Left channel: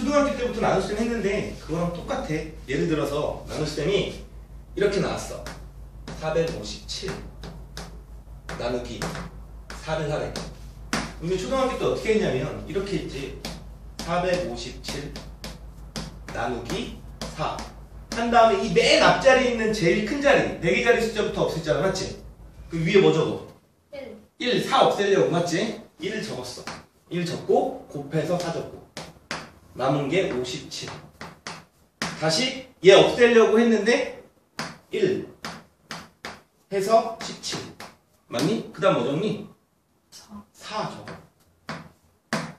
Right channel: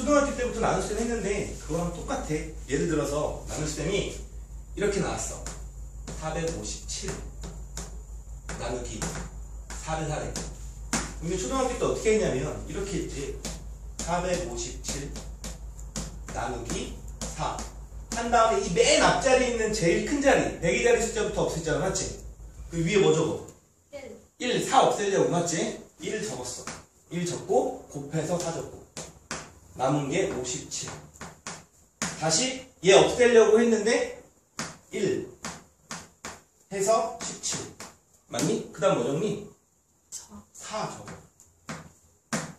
초등학교 때부터 나눗셈 했는데 그거랑 똑같아. 예를 들어서 나눗셈이 이렇게 나왔어. 457 나누기 4를 하래. 이게 초등학교 때 어떻게 했냐면 이렇게 했지. 457 나누기 4. 한 다음에 이 맨 앞자리에 있는 제일 큰 자리, 100의 자리 숫자부터 없앴잖아, 맞지? 그 위에 뭐 적어? 1 1, 4 없애려고, 맞지? 1을 적었어. 1 적고, 곱해서 4 적고. 남은 게 57. 다시 얘 없애려고 했는데, 1 해서 17. 맞니? 그 다음 뭐 적니? 4 4 적어.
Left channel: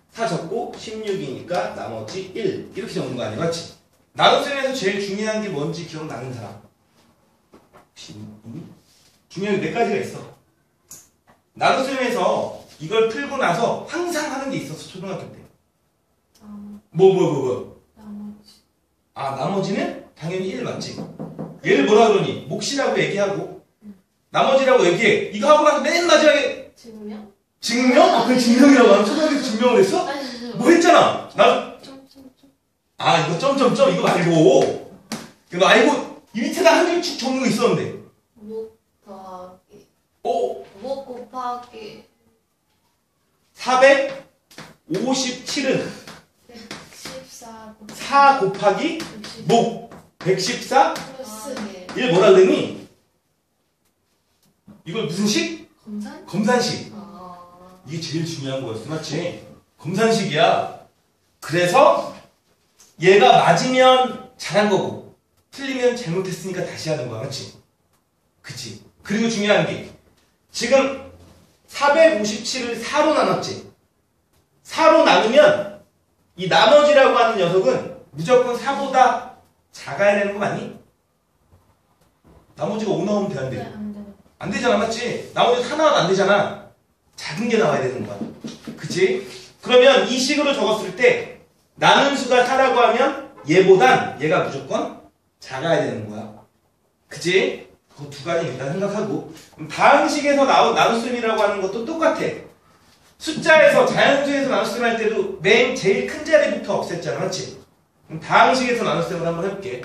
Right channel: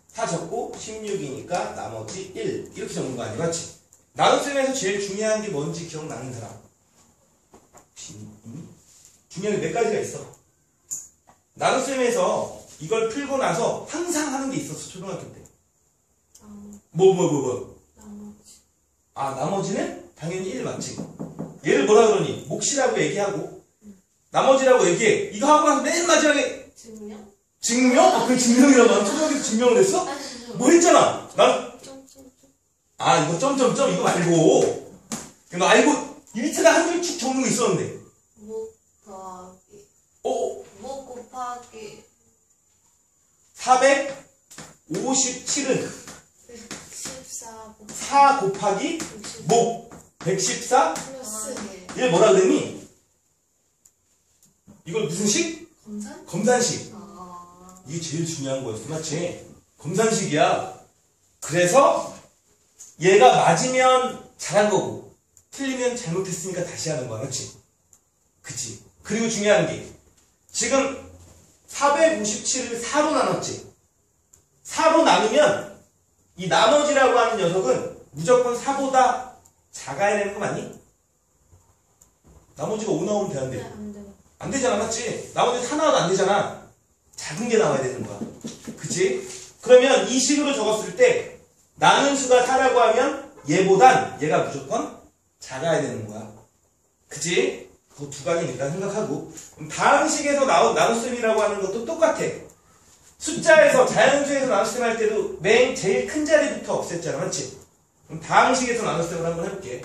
4 적고 16이니까 나머지 1 이렇게 적는 거 아니야 맞지? 나눗셈에서 제일 중요한 게 뭔지 기억나는 사람 있니? 중요한 게몇 가지가 있어 나눗셈에서 이걸 풀고 나서 항상 하는 게 있었어 초등학교 때 뭐 뭐 뭐 뭐 나머지 아 나머지는 당연히 1 맞지? 얘를 뭐라 그러니? 몫이라고 얘기하고 나머지라고 얘기해 이거 하고 나서 맨 마지막에 증명? 증명? 아, 그게 증명이라고 하면 초등학교 증명을 했어? 뭐 했잖아. 나, 아, 이거 점점점 이거 말고. 이거 말고, 이 밑에다 한 줄 쭉 적는 거 있었는데. 목 더하기 어, 목 곱하기 457은 14 곱하기 4 곱하기 60목 114? 플러스 얘 뭐라 그랬니? 이걸 무슨 식? 검산? 검산식. 아 이게 제일 중요한 거였어. 맞지? 검산식이야. 그래서 얘가 맞으면 잘한 거고 틀리면 잘못했으니까 다시 하는 거야. 맞지? 그치? 그리고 중요한 게 지금 457을 4로 나눴지? 4로 나누면 이 나머지라고 하는 녀석은 무조건 4보다 작아야 되는 거 맞니? 나머지가 5 나오면 돼안 돼? 네, 안 돼. 안 되잖아, 맞지? 나머지 하나도 안 되잖아. 작은 게 나와야 되는 거야. 그치? 그러면 이 식으로 적었을 때 나눈 수가 4라고 하면 얘보단 얘가 무조건 작아야 되는 거야. 그치? 그 두 가지 일단 생각하고 그럼 다음 식에서 나온 나눗셈이라고 하는 것도 똑같아. 숫자에서 자연수에서 나눗셈 할 때도 맨 제일 큰 자리부터 없앴잖아, 맞지? 그럼 다음 식에서 나눗셈을 한번 해볼게.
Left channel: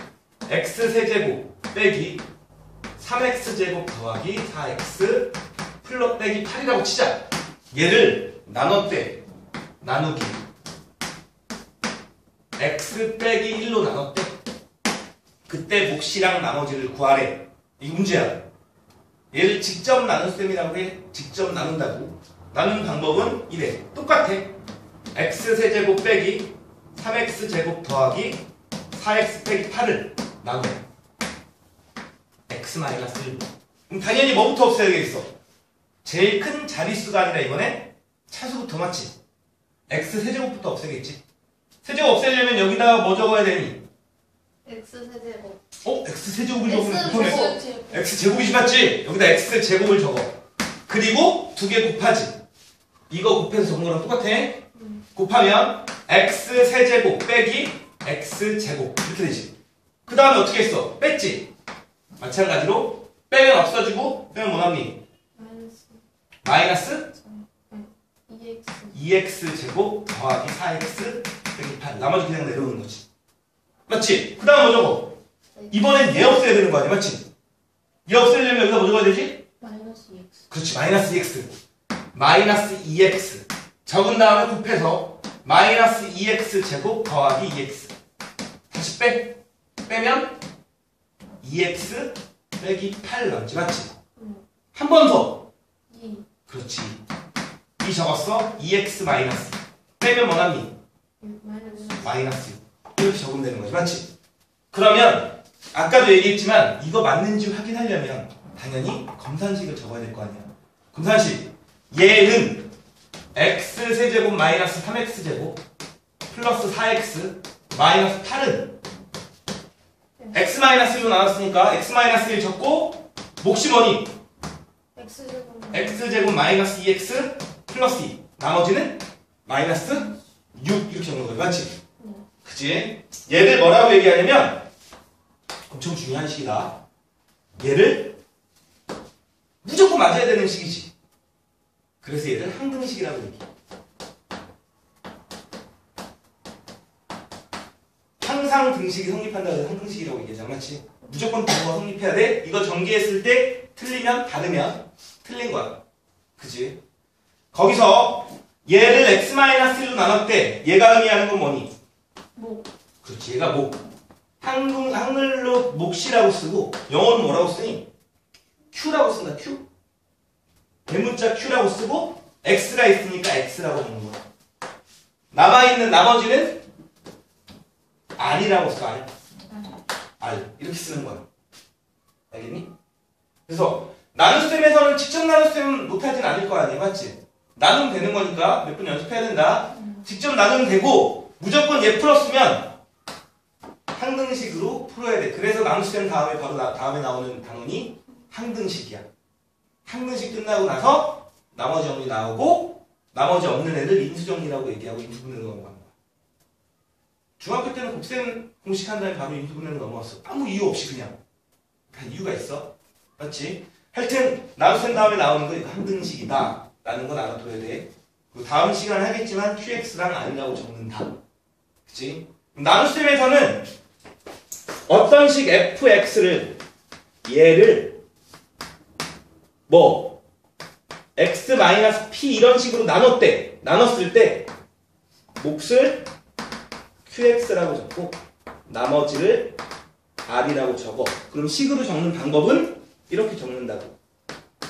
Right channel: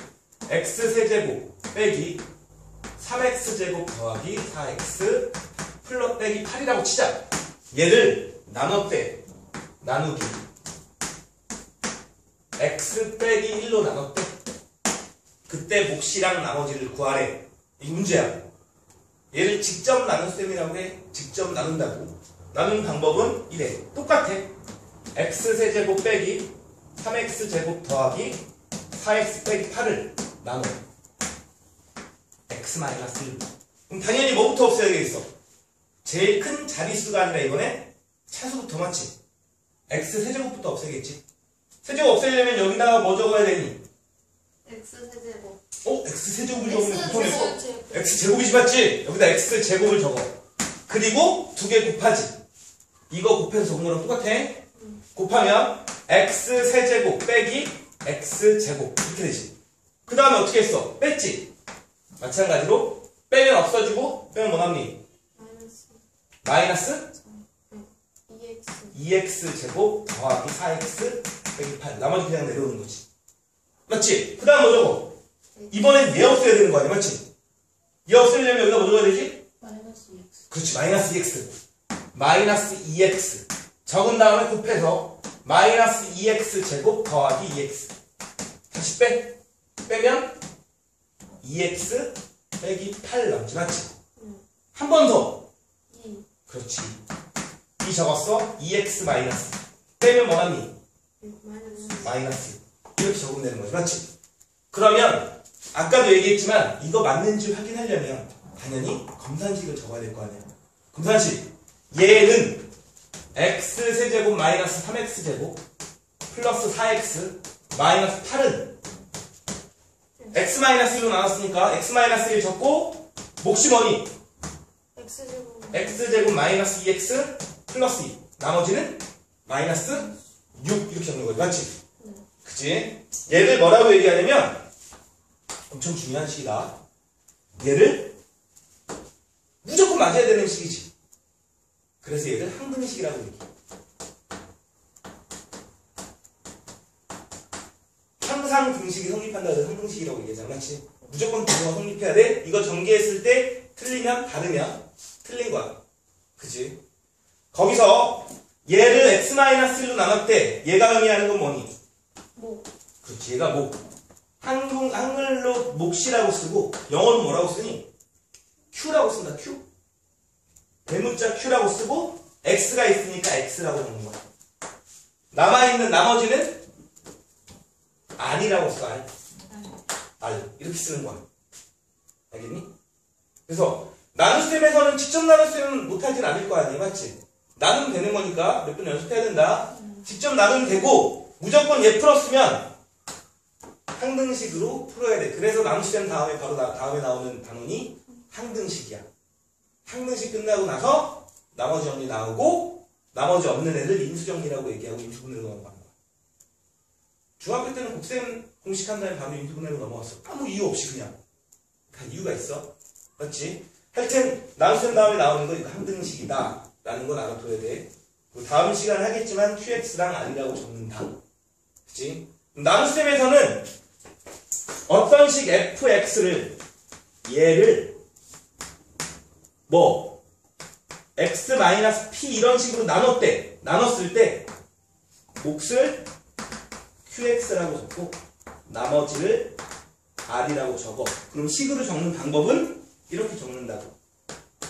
x 세제곱 빼기 3x제곱 더하기 4x 플러 빼기 8이라고 치자. 얘를 나눴대. 나누기. x 빼기 1로 나눴대. 그때 몫이랑 나머지를 구하래. 이 문제야. 얘를 직접 나눗셈이라고 해. 직접 나눈다고. 나누는 방법은 이래. 똑같아. x 세제곱 빼기 3x제곱 더하기 4x 빼기 8을 나눠. x 마이너스 1. 그럼 당연히 뭐부터 없애야 되겠어? 제일 큰 자릿수가 아니라 이번에 차수부터 맞지? x 세제곱부터 없애겠지? 세제곱 없애려면 여기다가 뭐 적어야 되니? x 세제곱 어? x 세제곱을 적으면 보통에 제곱 x 제곱이지 맞지? 여기다 x 제곱을 적어. 그리고 두 개 곱하지. 이거 곱해서 적은 거랑 똑같아. 곱하면 x 세제곱 빼기 x 제곱 이렇게 되지. 그 다음에 어떻게 했어? 뺐지? 마찬가지로 빼면 없어지고 빼면 뭐남니? 마이너스 마이너스 2x 2x 제곱 더하기 4x 빼기 8 나머지 그냥 내려오는 거지. 맞지? 그 다음 뭐 적어? 이번엔 얘 없애야 되는 거 아니야? 맞지? 얘 없애려면 여기다 뭐 적어야 되지? 마이너스 2x 그렇지 마이너스 2x 마이너스 2x 적은 다음에 곱해서 마이너스 2x 제곱 더하기 2x 다시 빼. 빼면 2x 빼기 8 남지 맞지? 응. 한번 더. 2 그렇지. 이 적었어? 2x 마이너스 빼면 뭐남니? 마이너스. 마이너스 이렇게 적으면 되는 거지 맞지? 그러면 아까도 얘기했지만 이거 맞는지 확인하려면 당연히 검산식을 적어야 될 거 아니야. 검산식 얘는 x 세제곱 마이너스 3x 제곱 플러스 4x 마이너스 8은 x 마이너스 1로 나왔으니까 x 마이너스 1 적고 몫이 뭐니? x 제곱 x 제곱 마이너스 2x 플러스 2 나머지는 마이너스 6 이렇게 적는 거지 맞지? 네. 그치? 얘를 뭐라고 얘기하냐면 엄청 중요한 식이다 얘를 무조건 맞아야 되는 식이지 그래서 얘를 항등식이라고 얘기해 항상 등식이 성립한다고 해서 상등식이라고 얘기하잖아. 맞지? 무조건 부호가 성립해야 돼. 이거 전개했을 때 틀리면 다르면 틀린 거야. 그지? 거기서 얘를 x-1로 나눴대 얘가 의미하는 건 뭐니? 뭐 그렇지. 얘가 목. 한글, 한글로 몫이라고 쓰고 영어로 뭐라고 쓰니? Q라고 쓴다. Q 대문자 Q라고 쓰고 X가 있으니까 X라고 적는 거야 남아있는 나머지는 R이라고 써 R R 이렇게 쓰는 거야 알겠니? 그래서 나눗셈에서는 직접 나눗셈 못하진 않을 거 아니야 맞지? 나누면 되는 거니까 몇 번 연습해야 된다 직접 나누면 되고 무조건 얘 풀었으면 항등식으로 풀어야 돼. 그래서 나눗셈 다음에 바로 나- 다음에 나오는 단원이 항등식이야. 항등식 끝나고 나서 나머지 정리 나오고 나머지 없는 애들 인수정리라고 얘기하고 인수분해로 넘어가는 거야. 중학교 때는 곱셈 공식 한 다음에 바로 인수분해로 넘어갔어. 아무 이유 없이 그냥. 다 이유가 있어. 맞지? 하여튼 나눗셈 다음에 나오는 거 이거 항등식이다. 라는 건 알아둬야 돼. 다음 시간에 하겠지만 QX랑 R이라고 적는다. 그치? 나눗셈에서는 어떤 식 fx를 얘를 뭐 x p 이런 식으로 나눴대 나눴을 때 몫을 qx라고 적고 나머지를 r이라고 적어 그럼 식으로 적는 방법은 이렇게 적는다고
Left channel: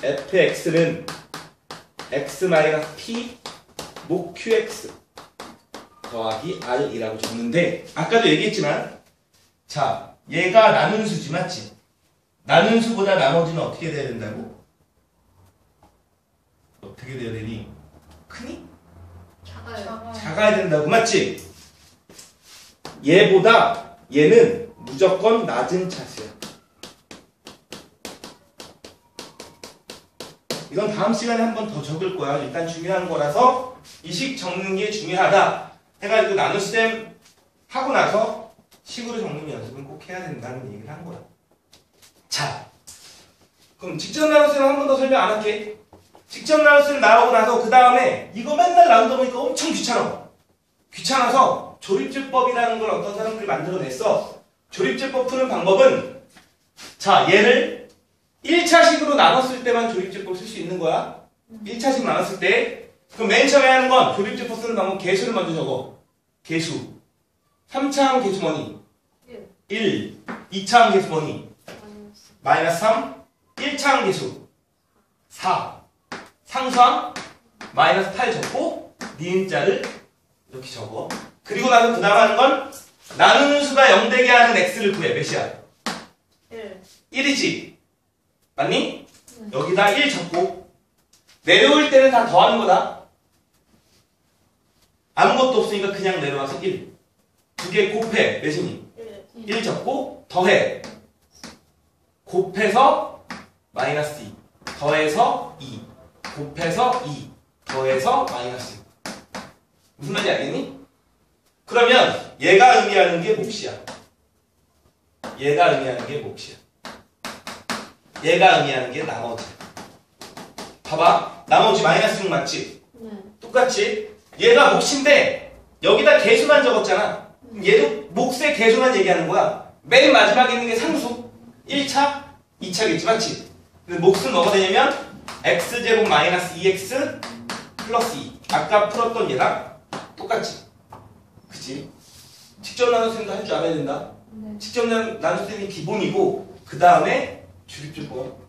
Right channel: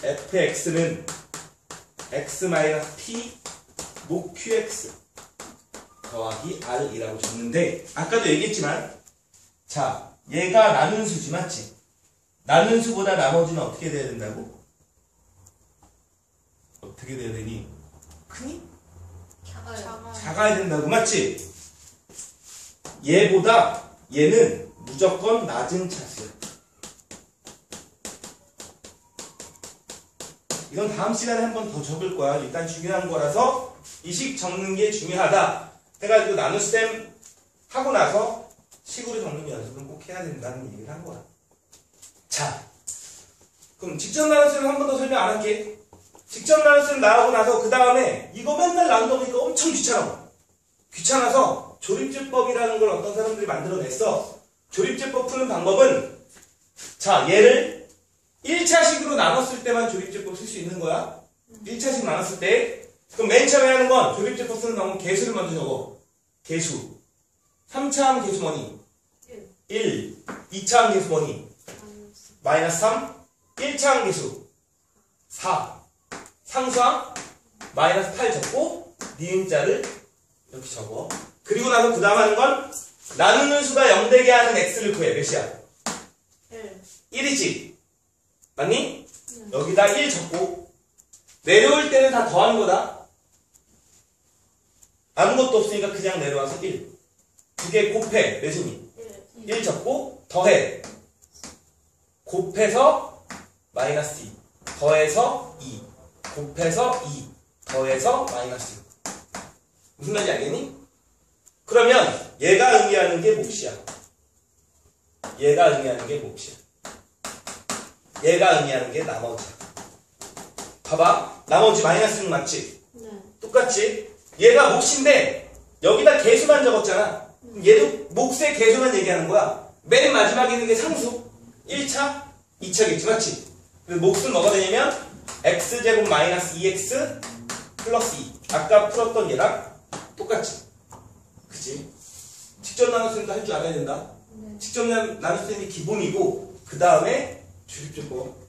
fx는 x p 목 qx 더하기 r이라고 적는데 아까도 얘기했지만 자 얘가 나눈 수지 맞지? 나눈 수보다 나머지는 어떻게 돼야 된다고? 어떻게 돼야 되니? 크니? 작아요. 작아야 된다고 맞지? 얘보다 얘는 무조건 낮은 차수야 이건 다음 시간에 한 번 더 적을 거야 일단 중요한 거라서 이식 적는 게 중요하다 해가지고 나눗셈 하고 나서 식으로 적는 연습은 꼭 해야 된다는 얘기를 한 거야. 자, 그럼 직접 나눗셈 한 번 더 설명 안 할게. 직접 나눗셈 나오고 나서 그 다음에 이거 맨날 나누다 보니까 엄청 귀찮아. 귀찮아서 조립제법이라는 걸 어떤 사람들이 만들어냈어. 조립제법 푸는 방법은 자 얘를 1차식으로 나눴을 때만 조립제법 쓸 수 있는 거야. 1차식 나눴을 때 그럼 맨 처음에 하는 건 조립제법 쓰는 방법 개수를 먼저 적어. 개수. 3차항 개수 뭐니? 1. 2차항 개수 뭐니? 마이너스 3. 1차항 개수 4. 상수항 마이너스 8 적고 니은자를 이렇게 적어. 그리고 나서 그 다음 하는 건 나누는 수가 0 되게 하는 x를 구해. 몇이야? 1. 1이지. 맞니? 여기다 1 적고 내려올 때는 다 더하는 거다. 아무것도 없으니까 그냥 내려와서 1. 두개 곱해. 몇이니? 1. 1 적고 더해. 곱해서 마이너스 2. 더해서 2. 곱해서 2. 더해서 마이너스 2. 무슨 말인지 알겠니? 그러면 얘가 의미하는 게 몫이야. 얘가 의미하는 게 몫이야. 얘가 의미하는 게 나머지. 봐봐. 나머지 마이너스 6 맞지? 네. 똑같지? 얘가 몫인데 여기다 개수만 적었잖아. 얘도 몫의 개수만 얘기하는 거야. 맨 마지막에 있는 게 상수. 1차, 2차겠지, 맞지? 몫은 뭐가 되냐면 x제곱 마이너스 2x 플러스 2. 아까 풀었던 얘랑 똑같지? 그치? 직접 나눗셈도 할 줄 알아야 된다. 네. 직접 나- 나눗셈이 기본이고 그 다음에 주립조법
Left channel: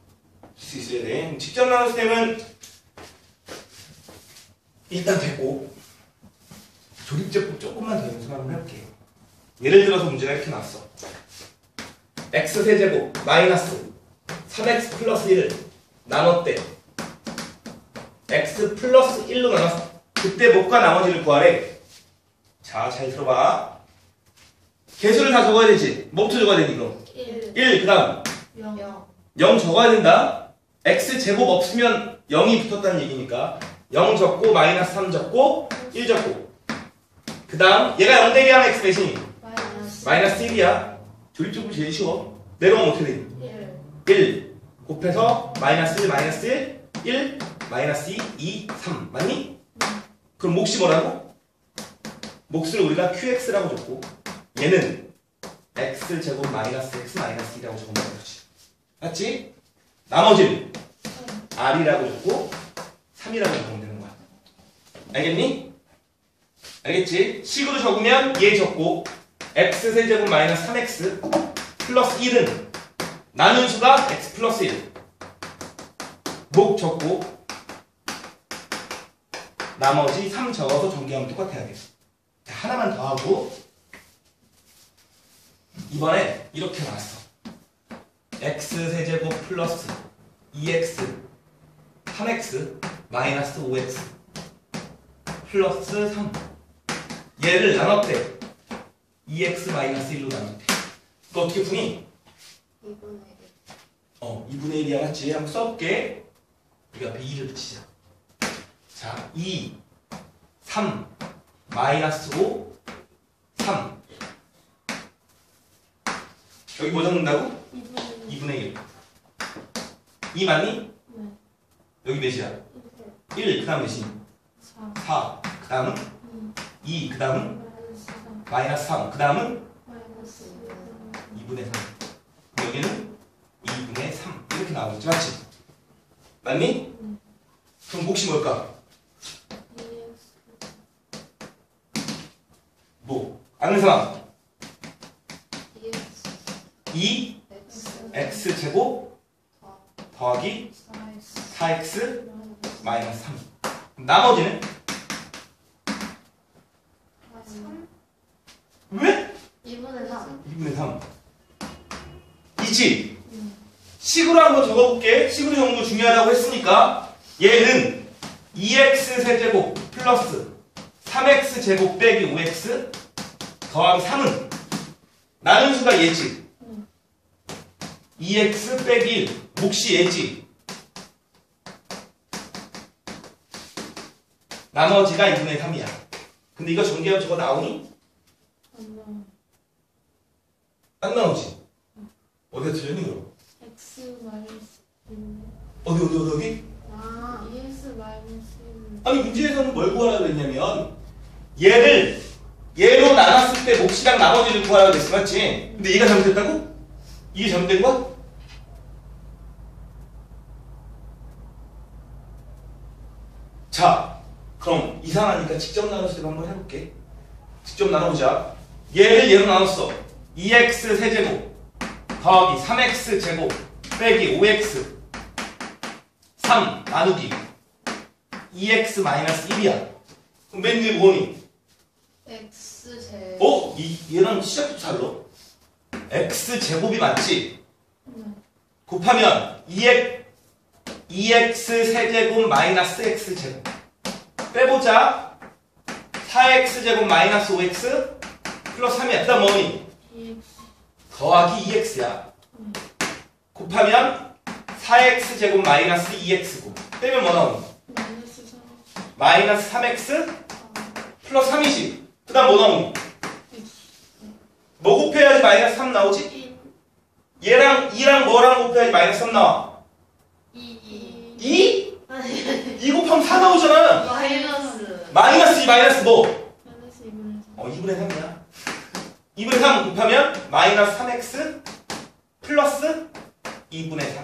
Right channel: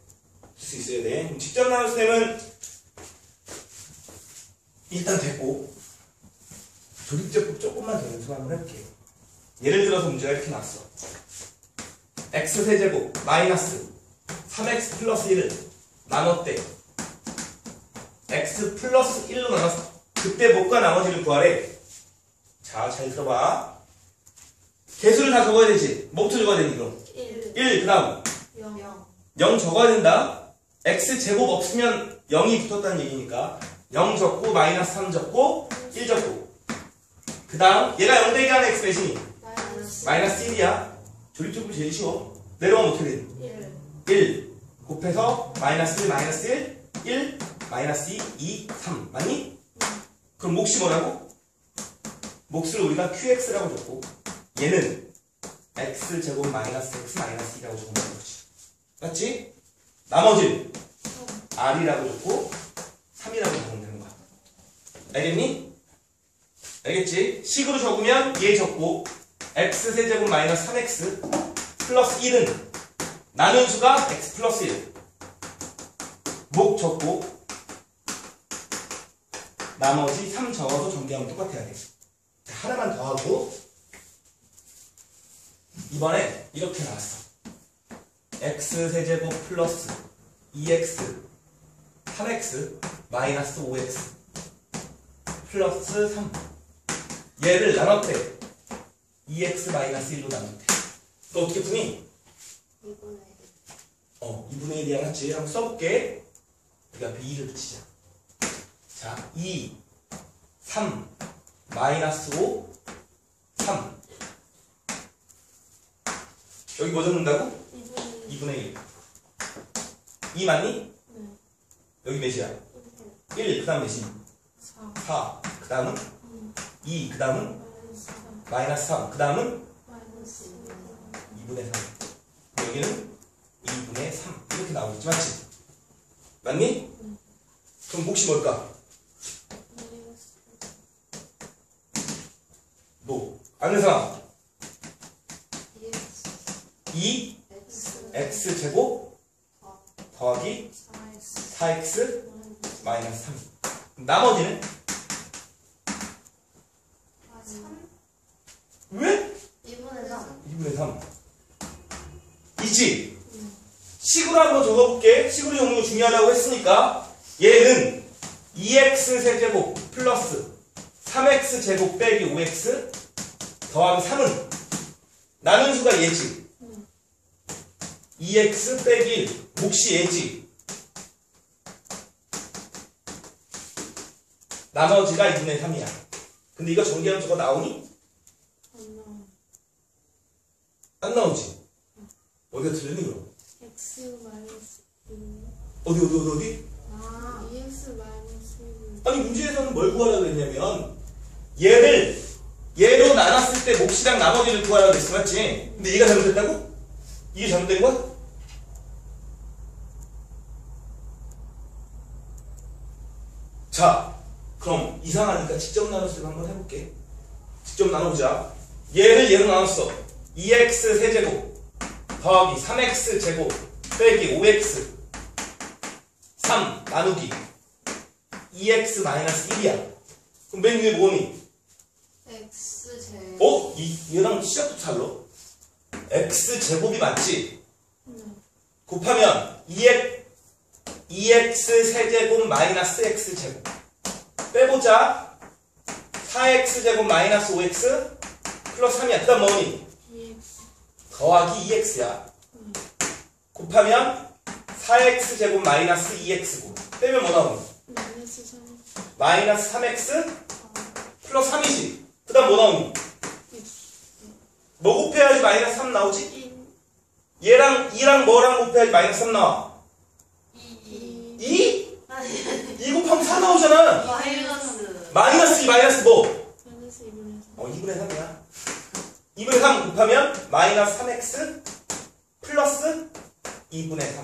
쓸수 있어야 돼. 직접 나눗셈은 일단 됐고 조립제법 조금만 더 연습 한번 해볼게요. 예를 들어서 문제가 이렇게 나왔어. x 세제곱 마이너스 3x 플러스 1을 나눴대. x 플러스 1로 나눴어. 그때 목과 나머지를 구하래. 자, 잘 들어봐. 개수를 다 적어야 되지. 뭐부터 적어야 되니 그럼? 1. 1, 그 다음 0. 0. 0 적어야 된다. x 제곱 없으면 0이 붙었다는 얘기니까 0 적고 마이너스 3 적고 1 적고 그 다음 얘가 0 되게 하면 x 대신이 마이너스 마이너스 1이야. 조립적으로 제일 쉬워. 내려오면 어떻게 되니? 1. 1 곱해서 마이너스 1 마이너스 1 1 마이너스 2 2 3 맞니? 그럼 몫이 뭐라고? 몫을 우리가 qx라고 줬고 얘는 x 제곱 마이너스 x 마이너스 2라고 적으면 되지. 맞지? 나머지는 r이라고 적고 3이라고 적으면 되는 거야. 알겠니? 알겠지? 식으로 적으면 얘 적고 x 세제곱 마이너스 3x 플러스 1은 나눈 수가 x 플러스 1. 목 적고 나머지 3 적어서 전개하면 똑같아야 돼. 자, 하나만 더 하고 이번에 이렇게 나왔어. x 세제곱 플러스 2x 3x 마이너스 5x 플러스 3 얘를 나눴대 2x 마이너스 1로 나눴대 너 어떻게 푸니? 이분의 어 2분의 1이야 맞지? 한번 써볼게 여기 앞에 2를 붙이자 자 2, 3, 마이너스 5, 3 여기 뭐 적는다고? 이분의 2분의 1 2 맞니? 네. 여기 몇이야? 1, 그 다음 몇이? 4 4, 그 다음은? 2, 그 다음은? 마이너스 3 마이너스 3, 그 다음은? 마이너스 2분의 3 여기는 2분의 3 이렇게 나오겠지 맞지? 맞니? 그럼 몫이 뭘까? 2x 뭐? 아는 사람 2x 2 x 제곱 더하기 4x 4x 마이너스 3 그럼 나머지는? 3 왜? 2분의 3 2분의 3 이지? 식으로 한번 적어볼게 적는 거 중요하다고 했으니까 얘는 2x 세제곱 플러스 3x 제곱 빼기 5x 더하기 3은 나눈 수가 얘지 2x 빼기 1 몫이 얘지 나머지가 2분의 3이야 근데 이거 전개하면 저거 나오니? 안 나오지? 어디가 틀렸니 그럼? X 마이너스 1 어디 어디 어디 어디? 아 2x 마이너스 1 아니 문제에서는 뭘 구하라고 했냐면 얘를 얘로 나눴을 때 몫이랑 나머지를 구하라고 했어 맞지? 근데 얘가 잘못됐다고? 이게 잘못된 거야? 자 그럼 이상하니까 직접 나눠서 한번 해볼게 직접 나눠보자 얘를 얘로 나눴어 2x 세제곱 더하기 3x 제곱 빼기 5x 3 나누기 2x 마이너스 1이야. 그럼 맨 위에 뭐니? x 제 어? 이, 얘랑 시작부터 달러. x 제곱이 맞지? 곱하면 2x, 2x 세제곱 마이너스 x 제곱. 빼보자. 4x 제곱 마이너스 5x 플러스 3이야. 그 다음 뭐니? 2x 더하기 2x야. 곱하면 4x 제곱 마이너스 2x고. 빼면 뭐? 마이너스 3 마이너스 3x 플러스 3이지. 그 다음 뭐 나오니? 뭐 곱해야지 마이너스 3 나오지? 1 얘랑 2랑 뭐랑 곱해야지 마이너스 3 나와? 2 2? 2 곱하면 4 나오잖아. 마이너스 마이너스 2 마이너스 뭐? 마이너스 2분의 3 어 2분의 3이야. 2분의 3 곱하면 마이너스 3x 플러스 2분의 3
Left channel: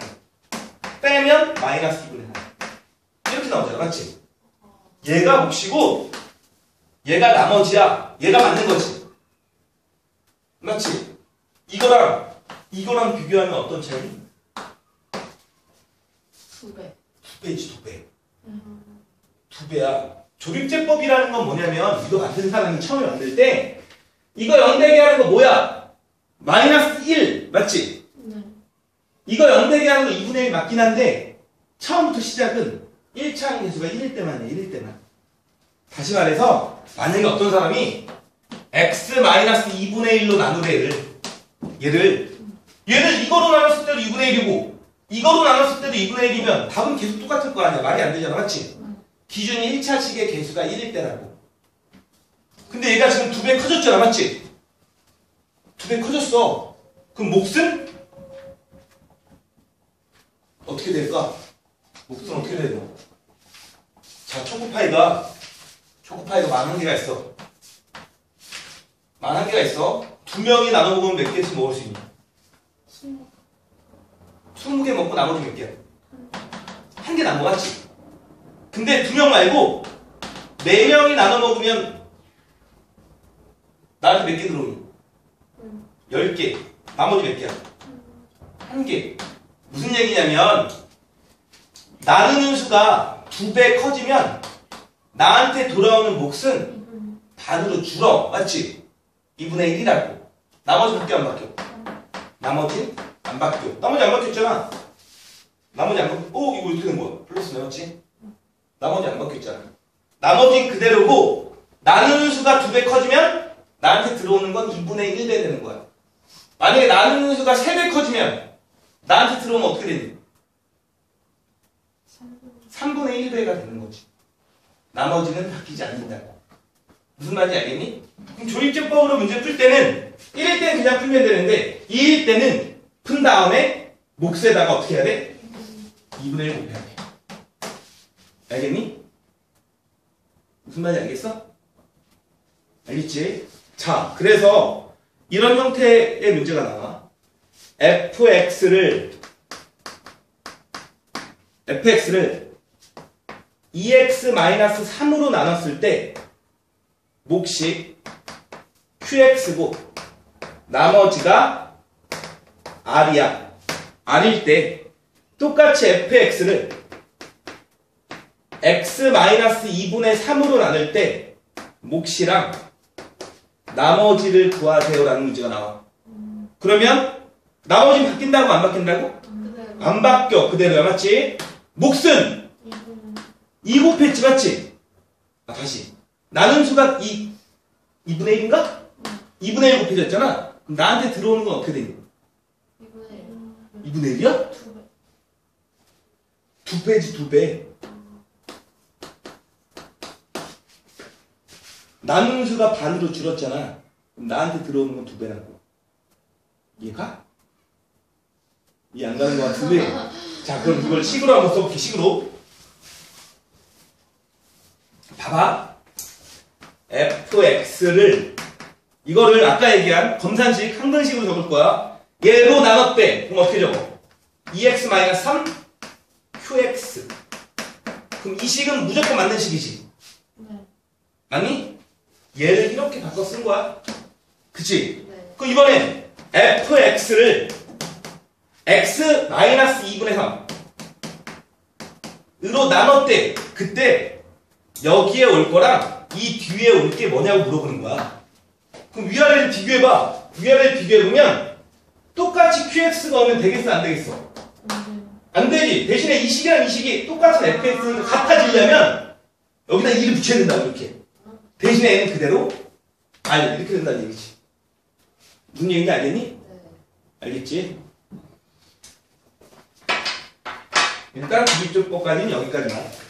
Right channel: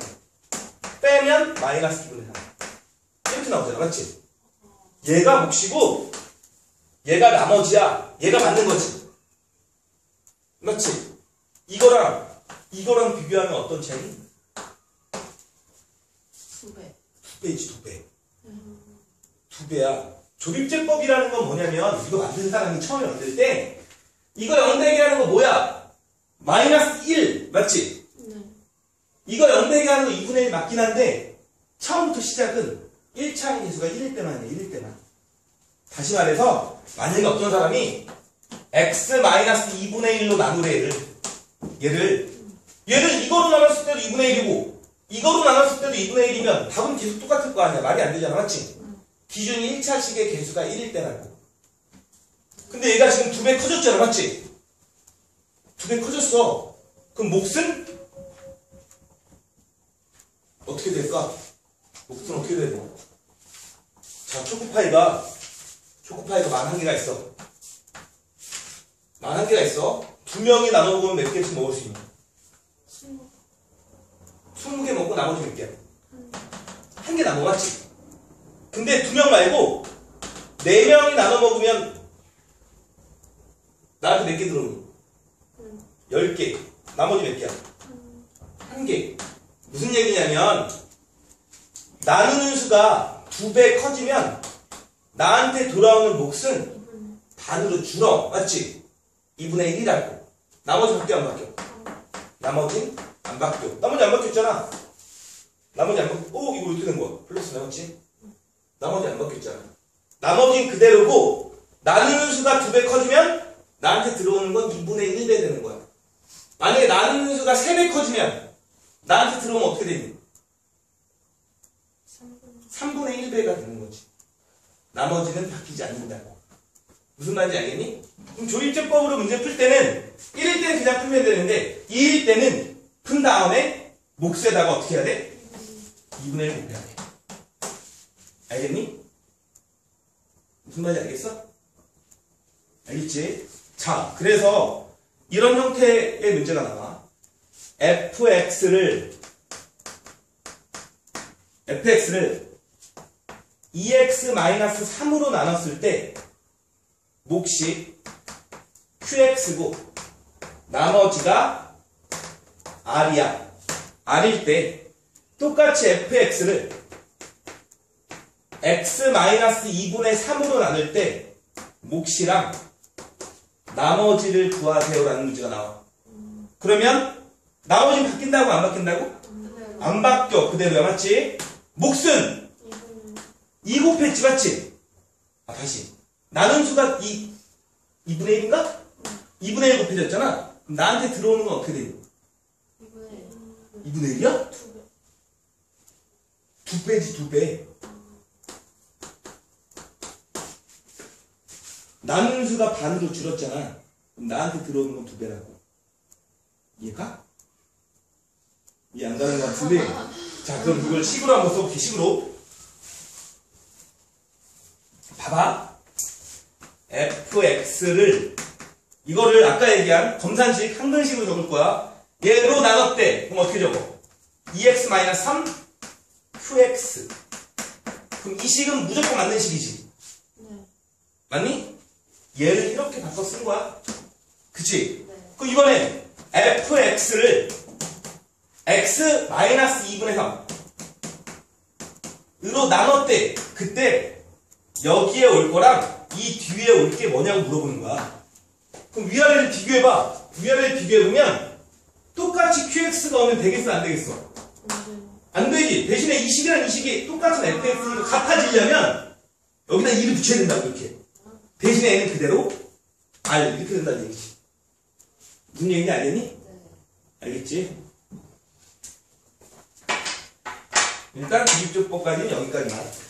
빼면 마이너스 2분의 3 이렇게 나오잖아. 맞지? 얘가 몫이고 얘가 나머지야. 얘가 맞는 거지. 맞지? 이거랑 이거랑 비교하면 어떤 차이? 2배 두 배지 두 배. 두 배야. 조립제법이라는 건 뭐냐면 이거 만든 사람이 처음에 만들 때 이거 0대게 하는 거 뭐야? 마이너스 1 맞지? 네 이거 0대게 하는 거 2분의 1 맞긴 한데 처음부터 시작은 1차항 개수가 1일 때만이야 1일 때만. 다시 말해서 만약에 어떤 사람이 x 마이너스 2분의 1로 나누래 얘를. 얘를. 얘를 이거로 나눴을 때도 2분의 1이고 이거로 나눴을 때도 2분의 1이면 답은 계속 똑같을 거 아니야. 말이 안 되잖아 맞지? 기준이 1차식의 개수가 1일 때라고. 근데 얘가 지금 두 배 커졌잖아 맞지? 두 배 커졌어. 그럼 몫은 어떻게 될까? 몫은 어떻게 되노? 자 초코파이가 초코파이가 만한 개가 있어 만한 개가 있어 두두 명이 나눠 먹으면 몇 개씩 먹을 수 있니? 스무 20개 먹고 나머지 몇 개야? 한개거 맞지? 근데 두 명 말고 네 명이 나눠 먹으면 나한테 몇 개 들어오니? 음. 10개. 나머지 몇 개야? 한 개. 무슨 얘기냐면 나누는 수가 두 배 커지면 나한테 돌아오는 몫은 반으로 줄어. 맞지? 2분의 1이라고. 나머지 밖에 안 바뀌어. 나머지 안 바뀌어. 나머지 안 바뀌었잖아. 나머지 안 바뀌어. 오, 이거 이렇게 된 거야. 플러스 나왔지? 나머지 안 바뀌었잖아. 나머지는 그대로고, 나누는 수가 두 배 커지면 나한테 들어오는 건 2분의 1배 되는 거야. 만약에 나누는 수가 세 배 커지면 나한테 들어오면 어떻게 되니? 삼분 3분의 1배가 되는 거지. 나머지는 바뀌지 않는다고. 무슨 말인지 알겠니? 그럼 조립제법으로 문제 풀 때는 1일 때는 그냥 풀면 되는데 2일 때는 푼 다음에 몫에다가 어떻게 해야 돼? 2분의 1 곱해야 돼. 알겠니? 무슨 말인지 알겠어? 알겠지? 자, 그래서 이런 형태의 문제가 나와. Fx를 fx를 2x-3으로 나눴을 때 몫이 qx고 나머지가 r이야. r일 때 똑같이 fx를 x-2분의 3으로 나눌 때 몫이랑 나머지를 구하세요라는 문제가 나와. 그러면 나머지는 바뀐다고 안 바뀐다고? 그대로 안 바뀌어 그대로야 맞지? 몫은 이분 2 곱했지 맞지? 아 다시 나눈 수가 2 2분의 1인가? 2분의 1 곱해졌잖아 그럼 나한테 들어오는 건 어떻게 되니? 이분의 2분의 1이야? 두배 두 배지 두 배 나눈 수가 반으로 줄었잖아 그럼 나한테 들어오는 건 두 배라고 이해가? 가는 것 같은데 자 그럼 이걸 식으로 한번 써볼게 식으로 봐봐 fx를 이거를 아까 얘기한 검산식 항등식으로 적을 거야 얘로 나눴대 그럼 어떻게 적어 2x-3 qx 그럼 이 식은 무조건 맞는 식이지 네. 맞니? 얘를 이렇게 바꿔 쓴 거야 그치? 네. 그 이번에 fx를 x-2분의 3 으로 나눴대 그때 여기에 올 거랑 이 뒤에 올 게 뭐냐고 물어보는 거야 그럼 위아래를 비교해봐 위아래를 비교해보면 똑같이 qx가 오면 되겠어 안 되겠어? 안 되지 대신에 이 식이랑 이 식이 똑같은 fx니까 같아지려면 여기다 2를 붙여야 된다고 이렇게 대신에 얘는 그대로 r 이렇게 된다는 얘기지 무슨 얘기인지 알겠니? 네. 알겠지? 일단 기립조법까지는 여기까지만.